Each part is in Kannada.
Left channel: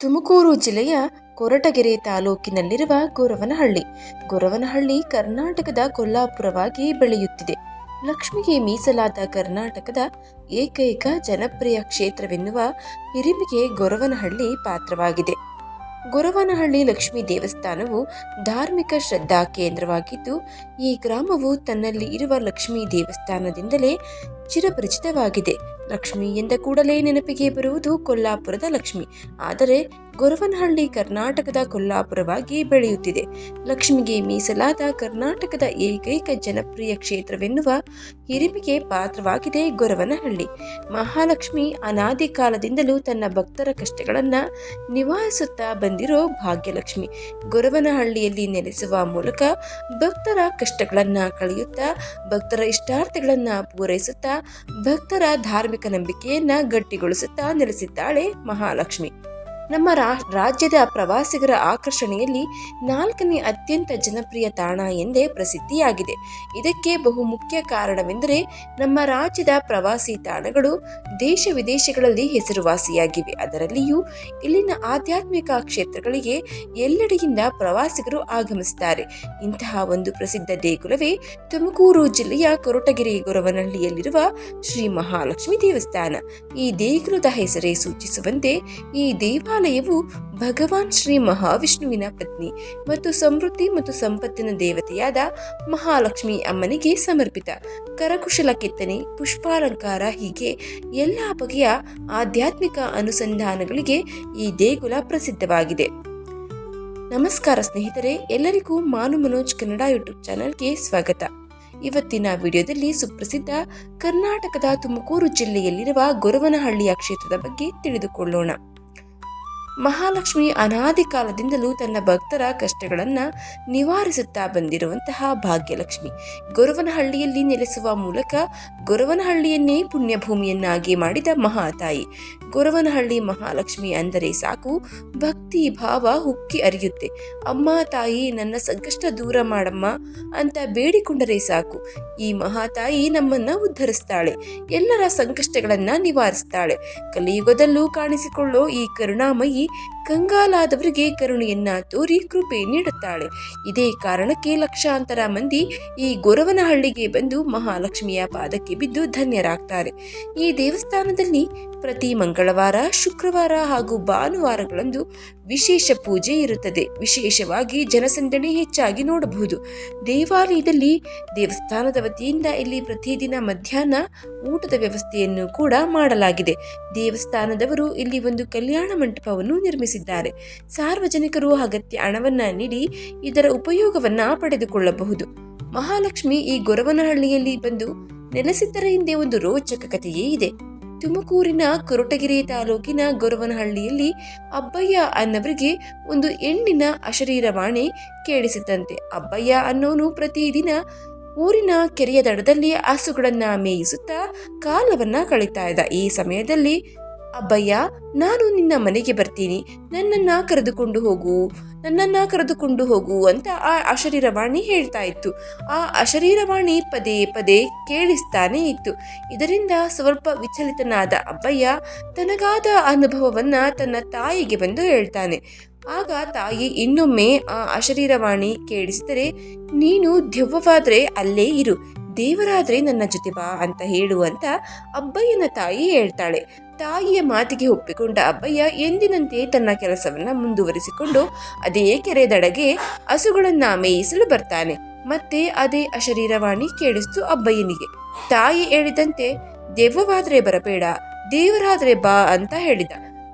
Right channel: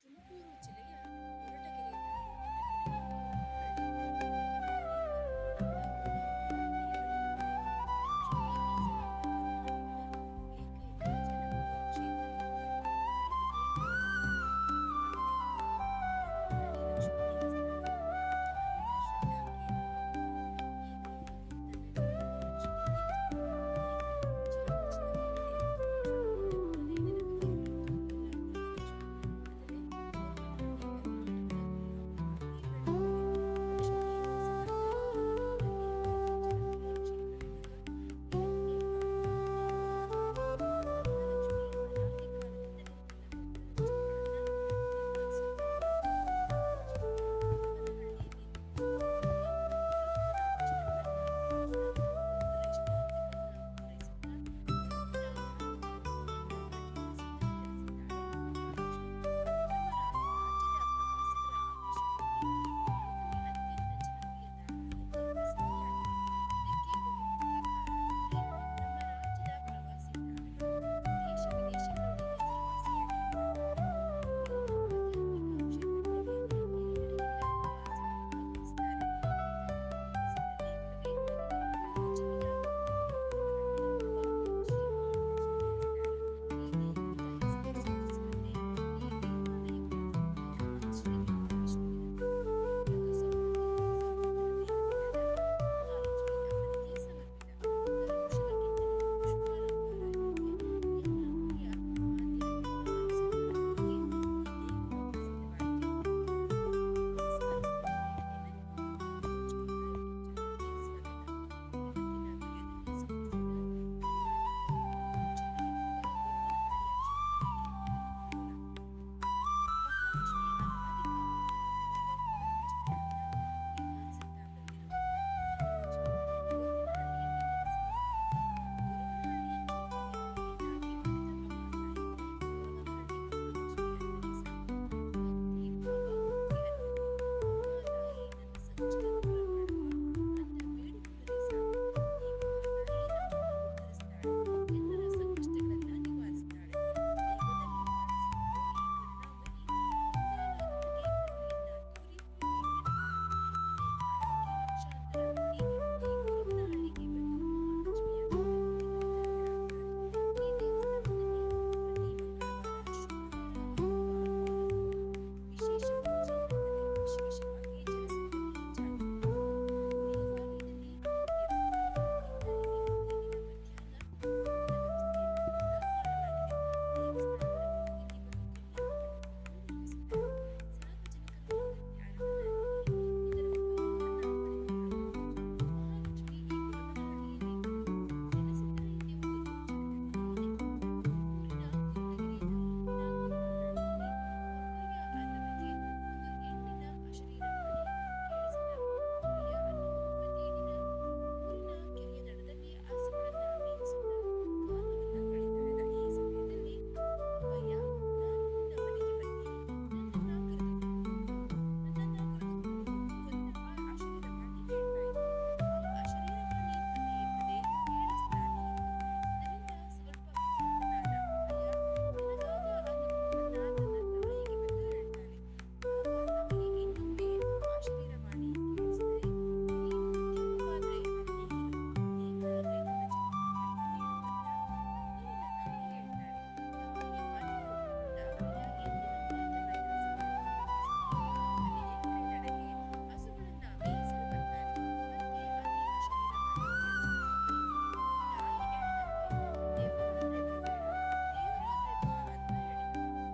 ತುಮಕೂರು ಜಿಲ್ಲೆಯ ಕೊರಟಗೆರೆ ತಾಲೂಕಿನಲ್ಲಿರುವ ಗೊರವನಹಳ್ಳಿ. ಗೊರವನಹಳ್ಳಿ ಕರ್ನಾಟಕದ ಕೊಲ್ಲಾಪುರವಾಗಿ ಬೆಳೆಯುತ್ತಿದೆ. ಲಕ್ಷ್ಮಿಗೆ ಮೀಸಲಾದ ಕರ್ನಾಟಕದ ಏಕೈಕ ಜನಪ್ರಿಯ ಕ್ಷೇತ್ರವೆನ್ನುವ ಹಿರಿಮೆಗೆ ಗೊರವನಹಳ್ಳಿ ಪಾತ್ರವಾಗಿದೆ. ಗೊರವನಹಳ್ಳಿ ಲಕ್ಷ್ಮೀ ದೇವಸ್ಥಾನವು ಧಾರ್ಮಿಕ ಶ್ರದ್ಧಾ ಕೇಂದ್ರವಾಗಿದ್ದು, ಈ ಗ್ರಾಮವು ತನ್ನಲ್ಲಿ ಇರುವ ಲಕ್ಷ್ಮೀ ದೇವಸ್ಥಾನದಿಂದಲೇ ಚಿರಪರಿಚಿತವಾಗಿದೆ. ಲಕ್ಷ್ಮಿ ಎಂದ ಕೂಡಲೇ ನೆನಪಿಗೆ ಬರುವುದು ಕೊಲ್ಲಾಪುರದ ಲಕ್ಷ್ಮಿ. ಆದರೆ ಗೊರವನಹಳ್ಳಿ ಕರ್ನಾಟಕದ ಕೊಲ್ಲಾಪುರವಾಗಿ ಬೆಳೆಯುತ್ತಿದೆ. ಲಕ್ಷ್ಮಿಗೆ ಮೀಸಲಾದ ಕರ್ನಾಟಕದ ಏಕೈಕ ಜನಪ್ರಿಯ ಕ್ಷೇತ್ರವೆನ್ನುವ ಹಿರಿಮೆಗೆ ಪಾತ್ರವಾಗಿದೆ ಗೊರವನಹಳ್ಳಿ. ಮಹಾಲಕ್ಷ್ಮಿ ಅನಾದಿ ಕಾಲದಿಂದಲೂ ತನ್ನ ಭಕ್ತರ ಕಷ್ಟಗಳನ್ನು ನಿವಾರಿಸುತ್ತಾ ಬಂದಿರೋ ಭಾಗ್ಯಲಕ್ಷ್ಮಿ. ಗೊರವನಹಳ್ಳಿಯಲ್ಲಿ ನೆಲೆಸುವ ಮೂಲಕ ಭಕ್ತರ ಕಷ್ಟಗಳನ್ನು ಕಳೆಯುತ್ತಾ, ಭಕ್ತರ ಇಷ್ಟಾರ್ಥಗಳನ್ನು ಪೂರೈಸುತ್ತಾ, ಭಕ್ತರ ಧಾರ್ಮಿಕ ನಂಬಿಕೆಯನ್ನ ಗಟ್ಟಿಗೊಳಿಸುತ್ತಾ ನೆಲೆಸಿದ್ದಾಳೆ ಮಹಾಲಕ್ಷ್ಮಿ. ನಮ್ಮ ರಾಜ್ಯದ ಪ್ರವಾಸಿಗರ ಆಕರ್ಷಣೆಯಲ್ಲಿ 4ನೇ ಅತ್ಯಂತ ಜನಪ್ರಿಯ ತಾಣ ಎಂದೇ ಪ್ರಸಿದ್ಧಿಯಾಗಿದೆ. ಇದಕ್ಕೆ ಬಹುಮುಖ್ಯ ಕಾರಣವೆಂದರೆ ನಮ್ಮ ರಾಜ್ಯದ ಪ್ರವಾಸಿ ತಾಣಗಳು ದೇಶ ವಿದೇಶಗಳಲ್ಲಿ ಹೆಸರುವಾಸಿಯಾಗಿವೆ. ಅದರಲ್ಲಿಯೂ ಇಲ್ಲಿನ ಆಧ್ಯಾತ್ಮಿಕ ಕ್ಷೇತ್ರಗಳಿಗೆ ಎಲ್ಲೆಡೆಯಿಂದ ಪ್ರವಾಸಿಗರು ಆಗಮಿಸುತ್ತಾರೆ. ಇಂತಹ ಒಂದು ಪ್ರಸಿದ್ಧ ದೇಗುಲವೇ ತುಮಕೂರು ಜಿಲ್ಲೆಯ ಕೊರಟಗೆರೆ ಗೊರವನಹಳ್ಳಿಯಲ್ಲಿರುವ ಶ್ರೀ ಮಹಾಲಕ್ಷ್ಮಿ ದೇವಸ್ಥಾನ. ಈ ದೇಗುಲದ ಹೆಸರೇ ಸೂಚಿಸುವಂತೆ ಈ ದೇವಾಲಯವು ಭಗವಾನ್ ಶ್ರೀ ಮಹಾವಿಷ್ಣುವಿನ ಪತ್ನಿ ಮತ್ತು ಸಮೃದ್ಧಿ ಮತ್ತು ಸಂಪತ್ತಿನ ದೇವತೆಯಾದ ಮಹಾಲಕ್ಷ್ಮಿ ಅಮ್ಮನಿಗೆ ಸಮರ್ಪಿತ. ಕರಕುಶಲ ಕೆತ್ತನೆ, ಪುಷ್ಪಾಲಂಕಾರ ಹೀಗೆ ಎಲ್ಲ ಬಗೆಯ ಆಧ್ಯಾತ್ಮಿಕ ಅನುಸಂಧಾನಗಳಿಗೆ ಈ ದೇಗುಲ ಪ್ರಸಿದ್ಧವಾಗಿದೆ. ನಮಸ್ಕಾರ ಸ್ನೇಹಿತರೆ, ಎಲ್ಲರಿಗೂ ಮಾನು ಮನೋಜ್ ಕನ್ನಡ ಯೂಟ್ಯೂಬ್ ಚಾನಲ್ಗೆ ಸ್ವಾಗತ. ಇವತ್ತಿನ ವಿಡಿಯೋದಲ್ಲಿ ಸುಪ್ರಸಿದ್ಧ ಕರ್ನಾಟಕದ ತುಮಕೂರು ಜಿಲ್ಲೆಯಲ್ಲಿರುವ ಗೊರವನಹಳ್ಳಿಯ ಕ್ಷೇತ್ರದ ಬಗ್ಗೆ ತಿಳಿದುಕೊಳ್ಳೋಣ. ಮಹಾಲಕ್ಷ್ಮಿ ಅನಾದಿ ಕಾಲದಿಂದಲೂ ತನ್ನ ಭಕ್ತರ ಕಷ್ಟಗಳನ್ನು ನಿವಾರಿಸುತ್ತಾ ಬಂದಿರುವಂತಹ ಭಾಗ್ಯಲಕ್ಷ್ಮಿ. ಗೊರವನಹಳ್ಳಿಯಲ್ಲಿ ನೆಲೆಸುವ ಮೂಲಕ ಗೊರವನಹಳ್ಳಿಯನ್ನೇ ಪುಣ್ಯಭೂಮಿಯನ್ನಾಗಿ ಮಾಡಿದ ಮಹಾತಾಯಿ. ಗೊರವನಹಳ್ಳಿ ಮಹಾಲಕ್ಷ್ಮಿ ಅಂದರೆ ಸಾಕು, ಭಕ್ತಿ ಭಾವ ಉಕ್ಕಿ ಹರಿಯುತ್ತೆ. ಅಮ್ಮ ತಾಯಿ, ನನ್ನ ಸಂಕಷ್ಟ ದೂರ ಮಾಡಮ್ಮ ಅಂತ ಬೇಡಿಕೊಂಡರೆ ಸಾಕು, ಈ ಮಹಾತಾಯಿ ನಮ್ಮನ್ನ ಉದ್ಧರಿಸ್ತಾಳೆ, ಎಲ್ಲರ ಸಂಕಷ್ಟಗಳನ್ನ ನಿವಾರಿಸ್ತಾಳೆ. ಕಲಿಯುಗದಲ್ಲೂ ಕಾಣಿಸಿಕೊಳ್ಳೋ ಈ ಕರುಣಾಮಯಿ ಕಂಗಾಲಾದವರಿಗೆ ಕರುಣೆಯನ್ನ ತೋರಿ ಕೃಪೆ ನೀಡುತ್ತಾಳೆ. ಇದೇ ಕಾರಣಕ್ಕೆ ಲಕ್ಷಾಂತರ ಮಂದಿ ಈ ಗೊರವನಹಳ್ಳಿಗೆ ಬಂದು ಮಹಾಲಕ್ಷ್ಮಿಯ ಪಾದಕ್ಕೆ ಬಿದ್ದು ಧನ್ಯರಾಗ್ತಾರೆ. ಈ ದೇವಸ್ಥಾನದಲ್ಲಿ ಪ್ರತಿ ಮಂಗಳವಾರ, ಶುಕ್ರವಾರ ಹಾಗೂ ಭಾನುವಾರಗಳಂದು ವಿಶೇಷ ಪೂಜೆ ಇರುತ್ತದೆ. ವಿಶೇಷವಾಗಿ ಜನಸಂದಣಿ ಹೆಚ್ಚಾಗಿ ನೋಡಬಹುದು. ದೇವಾಲಯದಲ್ಲಿ ದೇವಸ್ಥಾನದ ವತಿಯಿಂದ ಇಲ್ಲಿ ಪ್ರತಿದಿನ ಮಧ್ಯಾಹ್ನ ಊಟದ ವ್ಯವಸ್ಥೆಯನ್ನು ಕೂಡ ಮಾಡಲಾಗಿದೆ. ದೇವಸ್ಥಾನದವರು ಇಲ್ಲಿ ಒಂದು ಕಲ್ಯಾಣ ಮಂಟಪವನ್ನು ನಿರ್ಮಿಸಿದ್ದಾರೆ. ಸಾರ್ವಜನಿಕರು ಅಗತ್ಯ ಹಣವನ್ನ ನೀಡಿ ಇದರ ಉಪಯೋಗವನ್ನ ಪಡೆದುಕೊಳ್ಳಬಹುದು. ಮಹಾಲಕ್ಷ್ಮಿ ಈ ಗೊರವನಹಳ್ಳಿಯಲ್ಲಿ ಬಂದು ನೆಲೆಸಿದ್ದರ ಹಿಂದೆ ಒಂದು ರೋಚಕ ಕಥೆಯೇ ಇದೆ. ತುಮಕೂರಿನ ಕೊರಟಗೆರೆ ತಾಲೂಕಿನ ಗೊರವನಹಳ್ಳಿಯಲ್ಲಿ ಅಬ್ಬಯ್ಯ ಅನ್ನವರಿಗೆ ಒಂದು ಹೆಣ್ಣಿನ ಅಶರೀರವಾಣಿ ಕೇಳಿಸಿದಂತೆ. ಅಬ್ಬಯ್ಯ ಅನ್ನೋನು ಪ್ರತಿದಿನ ಊರಿನ ಕೆರೆಯ ದಡದಲ್ಲಿ ಹಸುಗಳನ್ನ ಮೇಯಿಸುತ್ತಾ ಕಾಲವನ್ನ ಕಳೀತಾ ಇದ್ದ. ಈ ಸಮಯದಲ್ಲಿ ಅಬ್ಬಯ್ಯ, ನಾನು ನಿನ್ನ ಮನೆಗೆ ಬರ್ತೀನಿ, ನನ್ನನ್ನ ಕರೆದುಕೊಂಡು ಹೋಗು ಅಂತ ಆ ಅಶರೀರವಾಣಿ ಹೇಳ್ತಾ ಇತ್ತು. ಆ ಅಶರೀರವಾಣಿ ಪದೇ ಪದೇ ಕೇಳಿಸ್ತಾನೆ ಇತ್ತು. ಇದರಿಂದ ಸ್ವಲ್ಪ ವಿಚಲಿತನಾದ ಅಬ್ಬಯ್ಯ ತನಗಾದ ಅನುಭವವನ್ನ ತನ್ನ ತಾಯಿಗೆ ಬಂದು ಹೇಳ್ತಾನೆ. ಆಗ ತಾಯಿ ಇನ್ನೊಮ್ಮೆ ಆ ಅಶರೀರವಾಣಿ ಕೇಳಿಸಿದರೆ, ನೀನು ದೆವ್ವವಾದ್ರೆ ಅಲ್ಲೇ ಇರು, ದೇವರಾದ್ರೆ ನನ್ನ ಜೊತೆ ಬಾ ಅಂತ ಹೇಳುವಂತ ಅಬ್ಬಯ್ಯನ ತಾಯಿ ಹೇಳ್ತಾಳೆ. ತಾಯಿಯ ಮಾತಿಗೆ ಒಪ್ಪಿಕೊಂಡ ಅಬ್ಬಯ್ಯ ಎಂದಿನಂತೆ ತನ್ನ ಕೆಲಸವನ್ನ ಮುಂದುವರಿಸಿಕೊಂಡು ಅದೇ ಕೆರೆ ದಡಗೆ ಹಸುಗಳನ್ನ ಮೇಯಿಸಲು ಬರ್ತಾನೆ. ಮತ್ತೆ ಅದೇ ಅಶರೀರವಾಣಿ ಕೇಳಿಸ್ತು ಅಬ್ಬಯ್ಯನಿಗೆ. ತಾಯಿ ಹೇಳಿದಂತೆ ದೆವ್ವವಾದ್ರೆ ಬರಬೇಡ, ದೇವರಾದ್ರೆ ಬಾ ಅಂತ ಹೇಳಿದ.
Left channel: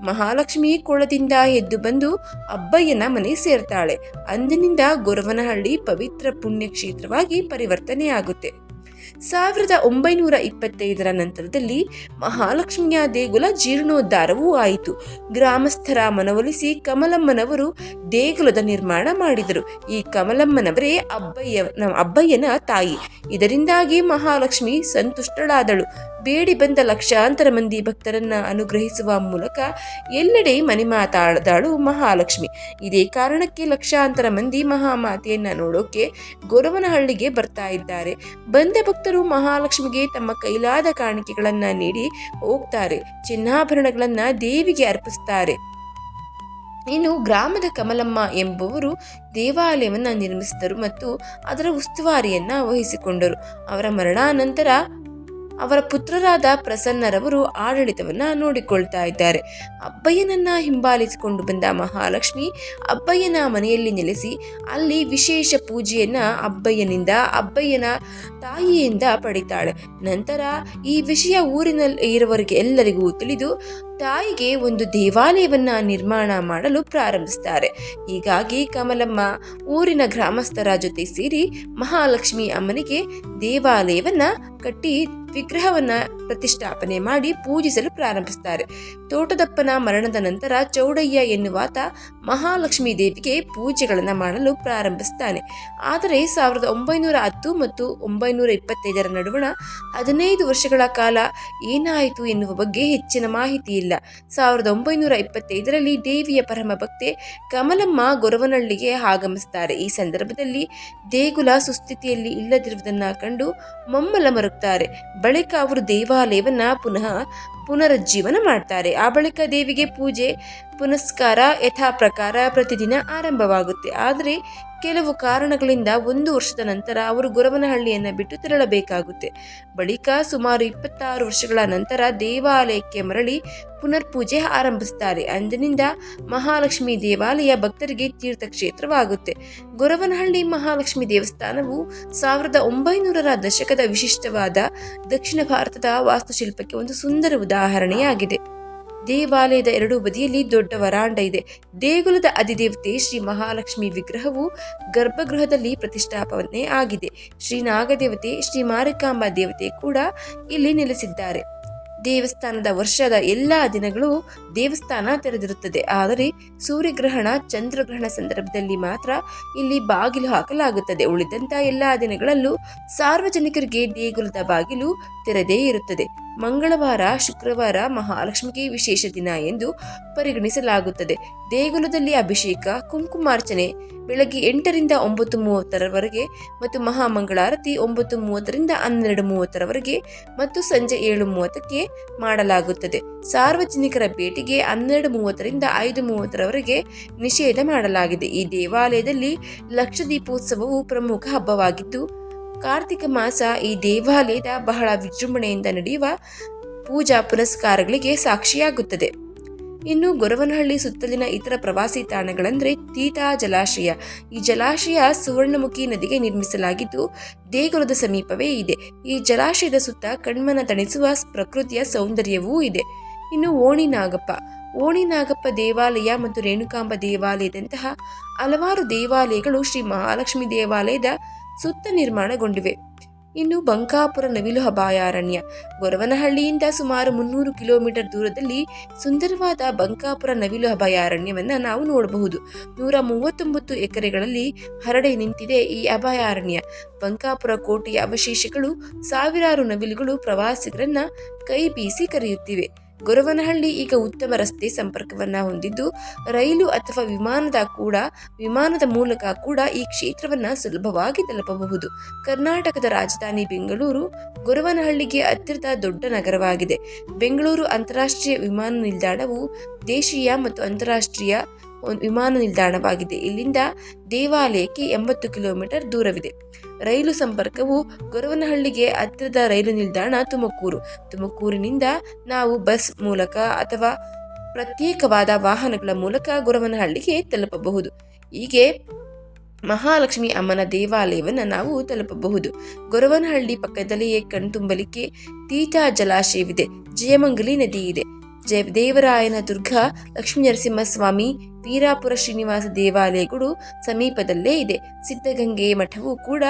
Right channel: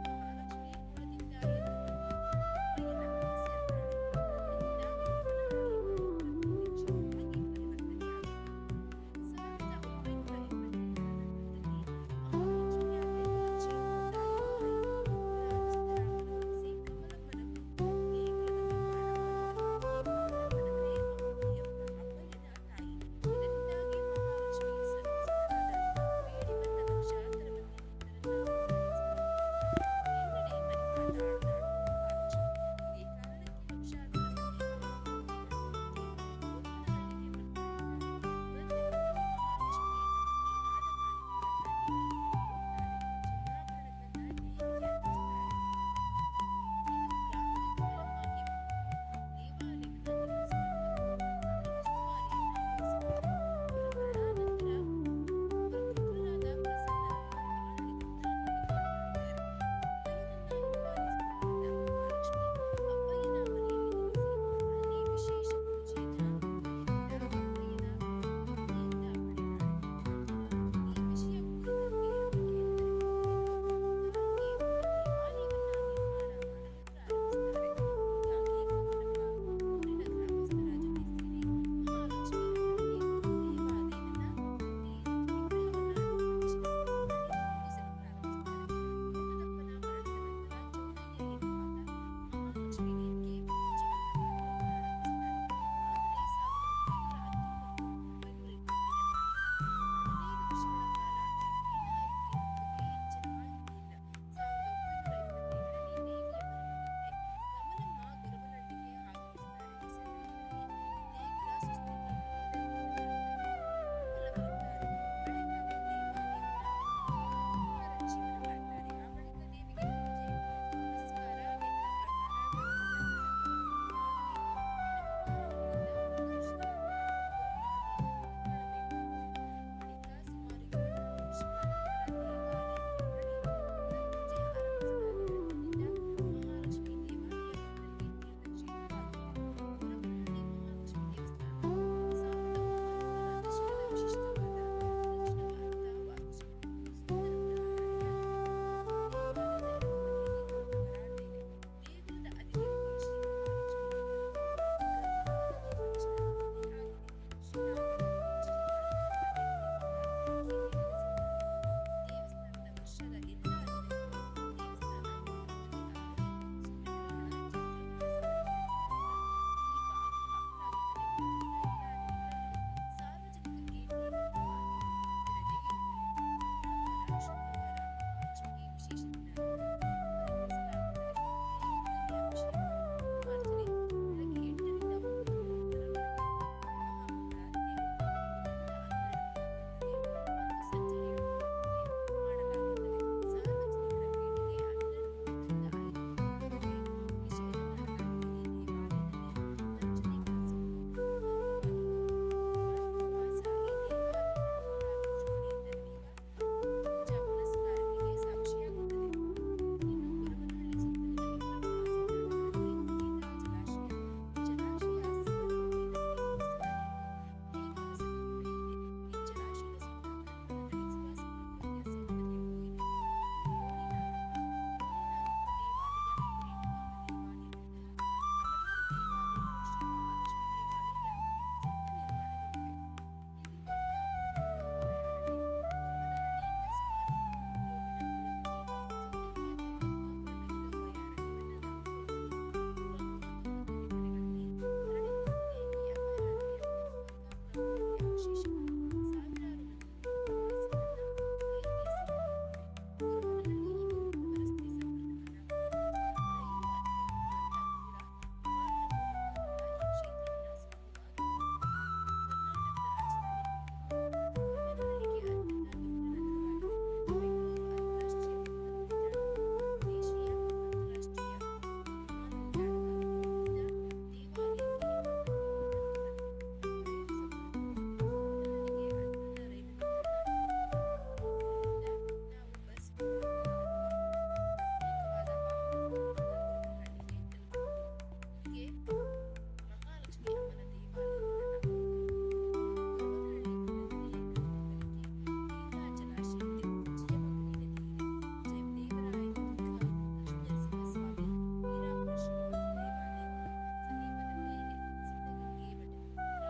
ಮಹಾಲಕ್ಷ್ಮಿ ಕೋಳದಿಂದ ಎದ್ದು ಬಂದು ಅಬ್ಬಯ್ಯನ ಮನೆ ಸೇರ್ತಾಳೆ. ಅಂದಿನಿಂದ ಗೊರವನಹಳ್ಳಿ ಪವಿತ್ರ ಪುಣ್ಯಕ್ಷೇತ್ರವಾಗಿ ಪರಿವರ್ತನೆಯಾಗುತ್ತೆ. 1925ರ ನಂತರದಲ್ಲಿ ಮಹಾಲಕ್ಷ್ಮಿಯ ದೇಗುಲ ಜೀರ್ಣೋದ್ಧಾರವೂ ಆಯಿತು. ಗ್ರಾಮಸ್ಥರ ಮನವೊಲಿಸಿ ಕಮಲಮ್ಮನವರು ದೇಗುಲದ ನಿರ್ಮಾಣ ಮಾಡಿದರು. ಈ ಕಮಲಮ್ಮನವರೇ ಅಬ್ಬಯ್ಯನ ತಾಯಿ. ಇದರಿಂದಾಗಿ ಮಹಾಲಕ್ಷ್ಮಿ ಸಂತುಷ್ಟಳಾದಳು. ಬೇಡಿ ಬಂದ ಲಕ್ಷಾಂತರ ಮಂದಿ ಭಕ್ತರನ್ನ ಅನುಗ್ರಹಿಸುವ ಮೂಲಕ ಎಲ್ಲೆಡೆ ಮನೆ ಮಾತಾಡದಳು ಮಹಾಲಕ್ಷ್ಮಿ. ಇದೇ ಕಾರಣಕ್ಕೆ ಲಕ್ಷಾಂತರ ಮಂದಿ ಮಹಾಮಾತೆಯನ್ನ ನೋಡೋಕೆ ಗೊರವನಹಳ್ಳಿಗೆ ಬರ್ತಾ ಇದ್ದಾರೆ. ಬಂದ ಭಕ್ತರು ಮಹಾಲಕ್ಷ್ಮಿಗೆ ತಮ್ಮ ಕೈಲಾದ ಕಾಣಿಕೆಗಳನ್ನ ನೀಡಿ ಹೋಗ್ತಾರೆ. ಚಿನ್ನಾಭರಣಗಳನ್ನ ದೇವಿಗೆ ಅರ್ಪಿಸ್ತಾರೆ. ಇನ್ನು ಗ್ರಾಮದ ಕಮಲಮ್ಮ ಎಂಬುವರು ದೇವಾಲಯವನ್ನು ನಿರ್ಮಿಸಿದರು ಮತ್ತು ಅದರ ಉಸ್ತುವಾರಿಯನ್ನು ವಹಿಸಿಕೊಂಡರು. ಅವರ ಮರಣಾನಂತರ ಅವರ ಪುತ್ರರಾದ ಪ್ರಸನ್ನರವರು ಆಡಳಿತವನ್ನ ನೋಡಿಕೊಳ್ತಾ ಇದ್ದಾರೆ. ಅಬ್ಬಯ್ಯನನ್ನ ಹಿಂಬಾಲಿಸಿಕೊಂಡು ಬಂದ ಮಹಾಲಕ್ಷ್ಮಿ ಅಬ್ಬಯ್ಯನ ಮನೆಯಲ್ಲಿ ನೆಲೆಸಿ ಅಲ್ಲಿ ವಿಶೇಷ ಪೂಜೆಯನ್ನ ಅಬ್ಬಯ್ಯನ ತಾಯಿಯಿಂದ ಪಡಿತಾಳೆ. ನಂತರ ಈ ವಿಷಯ ಊರಿನಲ್ಲಿ ಇರುವವರಿಗೆ ಎಲ್ಲರಿಗೂ ತಿಳಿದು ತಾಯಿಗೆ ಒಂದು ದೇವಾಲಯವನ್ನ ನಿರ್ಮಾಣ ಮಾಡಲು ಪ್ರಾರಂಭಿಸ್ತಾರೆ. ಹೀಗಾಗಿ ಕಮಲಮ್ಮ ಊರಿನ ಗ್ರಾಮಸ್ಥರ ಜೊತೆ ಸೇರಿ ಮಹಾಲಕ್ಷ್ಮಿ ಅಮ್ಮನಿಗೆ ದೇವಾಲಯವನ್ನ ಕಟ್ಟಿ ವಿಗ್ರಹವನ್ನ ಪ್ರತಿಷ್ಠಾಪನೆ ಮಾಡಿ ಪೂಜಿಸಲು ಪ್ರಾರಂಭಿಸ್ತಾರೆ. ತೋಟದಪ್ಪನ ಮರಣದ ನಂತರ ಚೌಡಯ್ಯ ಎನ್ನುವಾತ ಮಹಾಲಕ್ಷ್ಮೀ ದೇವಿಗೆ ಪೂಜೆಗಳನ್ನು ಮಾಡಲು ಪ್ರಾರಂಭಿಸ್ತಾನೆ. ಆದರೆ 1910 ಮತ್ತು 1925 ನಡುವಣ 15 ವರ್ಷಗಳ ಕಾಲ ಏನಾಯಿತು ಎನ್ನುವ ಬಗ್ಗೆ ಹೆಚ್ಚಿನ ಮಾಹಿತಿ ಇಲ್ಲ. 1925ರಲ್ಲಿ ದೇವಿಯ ಪರಮ ಭಕ್ತೆ ಕಮಲಮ್ಮ ಗೊರವನಹಳ್ಳಿಗೆ ಆಗಮಿಸ್ತಾರೆ. ಈ ಸಂದರ್ಭದಲ್ಲಿ ದೇಗುಲ ಸುಸ್ಥಿತಿಯಲ್ಲಿ ಇಲ್ಲದಿರುವುದನ್ನು ಕಂಡು ಮಮ್ಮಲ ಮರುಗ್ತಾರೆ. ಬಳಿಕ ಅವರು ದೇವಾಲಯವನ್ನ ಪುನರುಜ್ಜೀವನ ಮಾಡ್ತಾರೆ. ಆ ಬಳಿಕ ದೇವಿಗೆ ಪೂಜೆ ಪುನಸ್ಕಾರ ಯಥಾ ಪ್ರಕಾರ ಪ್ರತಿದಿನ ಆರಂಭವಾಗುತ್ತೆ. ಆದರೆ ಕೆಲವು ಕಾರಣಗಳಿಂದ 1 ವರ್ಷದ ನಂತರ ಅವರು ಗೊರವನಹಳ್ಳಿಯನ್ನು ಬಿಟ್ಟು ತೆರಳಬೇಕಾಗುತ್ತೆ. ಬಳಿಕ ಸುಮಾರು 26 ವರ್ಷಗಳ ನಂತರ ದೇವಾಲಯಕ್ಕೆ ಮರಳಿ ಪುನರ್ಪೂಜೆ ಆರಂಭಿಸ್ತಾರೆ. ಅಂದಿನಿಂದ ಮಹಾಲಕ್ಷ್ಮಿ ದೇವಾಲಯ ಭಕ್ತರಿಗೆ ತೀರ್ಥಕ್ಷೇತ್ರವಾಗುತ್ತೆ. ಗೊರವನಹಳ್ಳಿ ಮಹಾಲಕ್ಷ್ಮಿ ದೇವಸ್ಥಾನವು 1900ರ ದಶಕದ ವಿಶಿಷ್ಟವಾದ ದಕ್ಷಿಣ ಭಾರತದ ವಾಸ್ತುಶಿಲ್ಪಕ್ಕೆ ಒಂದು ಸುಂದರ ಉದಾಹರಣೆಯಾಗಿದೆ. ದೇವಾಲಯದ ಎರಡೂ ಬದಿಯಲ್ಲಿ ದೊಡ್ಡ ವರಾಂಡ ಇದೆ. ದೇಗುಲದ ಅಧಿದೇವತೆ ಶ್ರೀ ಮಹಾಲಕ್ಷ್ಮಿ ವಿಗ್ರಹವು ಗರ್ಭಗೃಹದಲ್ಲಿ ಪ್ರತಿಷ್ಠಾಪನೆ ಆಗಿದೆ. ಶ್ರೀ ನಾಗದೇವತೆ, ಶ್ರೀ ಮಾರಿಕಾಂಬಾ ದೇವತೆ ಕೂಡ ಇಲ್ಲಿ ನೆಲೆಸಿದ್ದಾರೆ. ದೇವಸ್ಥಾನದ ವರ್ಷದ ಎಲ್ಲಾ ದಿನಗಳು ದೇವಸ್ಥಾನ ತೆರೆದಿರುತ್ತದೆ. ಆದರೆ ಸೂರ್ಯಗ್ರಹಣ, ಚಂದ್ರಗ್ರಹಣ ಸಂದರ್ಭದಲ್ಲಿ ಮಾತ್ರ ಇಲ್ಲಿ ಬಾಗಿಲು ಹಾಕಲಾಗುತ್ತದೆ. ಉಳಿದಂತ ಎಲ್ಲಾ ದಿನಗಳಲ್ಲೂ ಸಾರ್ವಜನಿಕರಿಗೆ ದೇಗುಲದ ಬಾಗಿಲು ತೆರೆದೇ ಇರುತ್ತದೆ. ಮಂಗಳವಾರ, ಶುಕ್ರವಾರ ಮಹಾಲಕ್ಷ್ಮಿಗೆ ವಿಶೇಷ ದಿನ ಎಂದು ಪರಿಗಣಿಸಲಾಗುತ್ತದೆ. ದೇಗುಲದಲ್ಲಿ ಅಭಿಷೇಕ, ಕುಂಕುಮಾರ್ಚನೆ ಬೆಳಗ್ಗೆ 8ರಿಂದ 9:30ರವರೆಗೆ ಮತ್ತು ಮಹಾಮಂಗಳಾರತಿ 9:30ರಿಂದ 12:30ರವರೆಗೆ ಮತ್ತು ಸಂಜೆ 7:30ಕ್ಕೆ ಮಾಡಲಾಗುತ್ತದೆ. ಸಾರ್ವಜನಿಕರ ಭೇಟಿಗೆ 12:30ರಿಂದ 5:30ರವರೆಗೆ ನಿಷೇಧ ಮಾಡಲಾಗಿದೆ. ಈ ದೇವಾಲಯದಲ್ಲಿ ಲಕ್ಷದೀಪೋತ್ಸವವು ಪ್ರಮುಖ ಹಬ್ಬವಾಗಿದ್ದು, ಕಾರ್ತಿಕ ಮಾಸ ಈ ದೇವಾಲಯದ ಬಹಳ ವಿಜೃಂಭಣೆಯಿಂದ ನಡೆಯುವ ಪೂಜಾ ಪುನಸ್ಕಾರಗಳಿಗೆ ಸಾಕ್ಷಿಯಾಗುತ್ತದೆ. ಇನ್ನು ಗೊರವನಹಳ್ಳಿ ಸುತ್ತಲಿನ ಇತರ ಪ್ರವಾಸಿ ತಾಣಗಳೆಂದರೆ ತೀತಾ ಜಲಾಶಯ. ಈ ಜಲಾಶಯ ಸುವರ್ಣಮುಖಿ ನದಿಗೆ ನಿರ್ಮಿಸಲಾಗಿದ್ದು ದೇಗುಲದ ಸಮೀಪವೇ ಇದೆ. ಈ ಜಲಾಶಯದ ಸುತ್ತ ಕಣ್ಮನ ತಣಿಸುವ ಪ್ರಕೃತಿಯ ಸೌಂದರ್ಯವೂ ಇದೆ. ಇನ್ನು ಓಣಿ ನಾಗಪ್ಪ ದೇವಾಲಯ ಮತ್ತು ರೇಣುಕಾಂಬ ದೇವಾಲಯದಂತಹ ಹಲವಾರು ದೇವಾಲಯಗಳು ಶ್ರೀ ಮಹಾಲಕ್ಷ್ಮಿ ದೇವಾಲಯದ ಸುತ್ತ ನಿರ್ಮಾಣಗೊಂಡಿವೆ. ಇನ್ನು ಬಂಕಾಪುರ ನವಿಲು ಅಭಯಾರಣ್ಯ. ಗೊರವನಹಳ್ಳಿಯಿಂದ ಸುಮಾರು 300 ಕಿಲೋಮೀಟರ್ ದೂರದಲ್ಲಿ ಸುಂದರವಾದ ಬಂಕಾಪುರ ನವಿಲು ಅಭಯಾರಣ್ಯವನ್ನು ನಾವು ನೋಡಬಹುದು. 139 ಎಕರೆಗಳಲ್ಲಿ ಹರಡಿ ನಿಂತಿದೆ ಈ ಅಭಯಾರಣ್ಯ. ಬಂಕಾಪುರ ಕೋಟೆಯ ಅವಶೇಷಗಳು, ಸಾವಿರಾರು ನವಿಲುಗಳು ಪ್ರವಾಸಿಗರನ್ನ ಕೈ ಬೀಸಿ ಕರೆಯುತ್ತಿವೆ. ಗೊರವನಹಳ್ಳಿ ಈಗ ಉತ್ತಮ ರಸ್ತೆ ಸಂಪರ್ಕವನ್ನ ಹೊಂದಿದ್ದು ರೈಲು ಅಥವಾ ವಿಮಾನದ ಮೂಲಕ ಕೂಡ ಈ ಕ್ಷೇತ್ರವನ್ನ ಸುಲಭವಾಗಿ ತಲುಪಬಹುದು. ಕರ್ನಾಟಕದ ರಾಜಧಾನಿ ಬೆಂಗಳೂರು ಗೊರವನಹಳ್ಳಿಗೆ ಹತ್ತಿರದ ದೊಡ್ಡ ನಗರವಾಗಿದೆ. ಬೆಂಗಳೂರು ಅಂತಾರಾಷ್ಟ್ರೀಯ ವಿಮಾನ ನಿಲ್ದಾಣವು ದೇಶೀಯ ಮತ್ತು ಅಂತಾರಾಷ್ಟ್ರೀಯ ವಿಮಾನ ನಿಲ್ದಾಣವಾಗಿದೆ. ಇಲ್ಲಿಂದ ದೇವಾಲಯಕ್ಕೆ 80 ಕಿಲೋಮೀಟರ್ ದೂರವಿದೆ. ರೈಲು ಸಂಪರ್ಕವು ಗೊರವನಹಳ್ಳಿಗೆ ಹತ್ತಿರದ ರೈಲು ನಿಲ್ದಾಣ ತುಮಕೂರಿನಿಂದ ನಾವು ಬಸ್ ಮೂಲಕ ಅಥವಾ ಪ್ರತ್ಯೇಕವಾದ ವಾಹನಗಳ ಮೂಲಕ ಗೊರವನಹಳ್ಳಿಗೆ ತಲುಪಬಹುದು. ಹೀಗೆ ಮಹಾಲಕ್ಷ್ಮಿ ಅಮ್ಮನ ದೇವಾಲಯವನ್ನು ನಾವು ತಲುಪಬಹುದು. ಗೊರವನಹಳ್ಳಿ ಪಕ್ಕದಲ್ಲಿಯೇ ಕಣ್ತುಂಬಲಿಕ್ಕೆ ತೀತಾ ಜಲಾಶಯವಿದೆ. ಜಯಮಂಗಲಿ ನದಿ ಇದೆ. ದೇವರಾಯನ ದುರ್ಗ, ಲಕ್ಷ್ಮೀ ನರಸಿಂಹಸ್ವಾಮಿ, ವೀರಾಪುರ ಶ್ರೀನಿವಾಸ ದೇವಾಲಯಗಳು ಸಮೀಪದಲ್ಲೇ ಇದೆ. ಸಿದ್ಧಗಂಗೆ ಮಠವು ಕೂಡ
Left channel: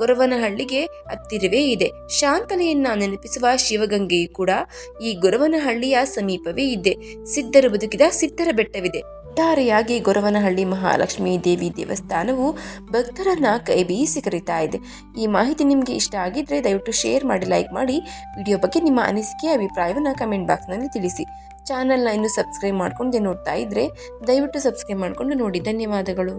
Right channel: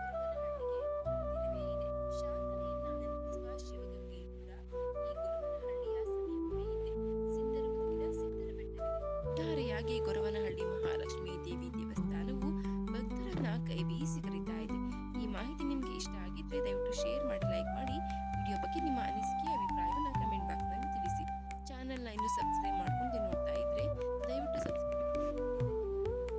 ಗೊರವನಹಳ್ಳಿಗೆ ಹತ್ತಿರವೇ ಇದೆ. ಶಾಂತಲೆಯನ್ನ ನೆನಪಿಸುವ ಶಿವಗಂಗೆಯು ಕೂಡ ಈ ಗೊರವನಹಳ್ಳಿಯ ಸಮೀಪವೇ ಇದೆ. ಸಿದ್ಧರು ಬದುಕಿದ ಸಿದ್ಧರ ಬೆಟ್ಟವಿದೆ. ಒಟ್ಟಾರೆಯಾಗಿ ಗೊರವನಹಳ್ಳಿ ಮಹಾಲಕ್ಷ್ಮಿ ದೇವಿ ದೇವಸ್ಥಾನವು ಭಕ್ತರನ್ನ ಕೈ ಬೀಸಿ ಕರೀತಾ ಇದೆ. ಈ ಮಾಹಿತಿ ನಿಮಗೆ ಇಷ್ಟ ಆಗಿದ್ರೆ ದಯವಿಟ್ಟು ಶೇರ್ ಮಾಡಿ, ಲೈಕ್ ಮಾಡಿ. ವಿಡಿಯೋ ಬಗ್ಗೆ ನಿಮ್ಮ ಅನಿಸಿಕೆ, ಅಭಿಪ್ರಾಯವನ್ನು ಕಮೆಂಟ್ ಬಾಕ್ಸ್ನಲ್ಲಿ ತಿಳಿಸಿ. ಚಾನಲ್ನ ಇನ್ನೂ ಸಬ್ಸ್ಕ್ರೈಬ್ ಮಾಡ್ಕೊಂಡು ನೋಡ್ತಾ ಇದ್ರೆ ದಯವಿಟ್ಟು ಸಬ್ಸ್ಕ್ರೈಬ್ ಮಾಡಿಕೊಂಡು ನೋಡಿ. ಧನ್ಯವಾದಗಳು.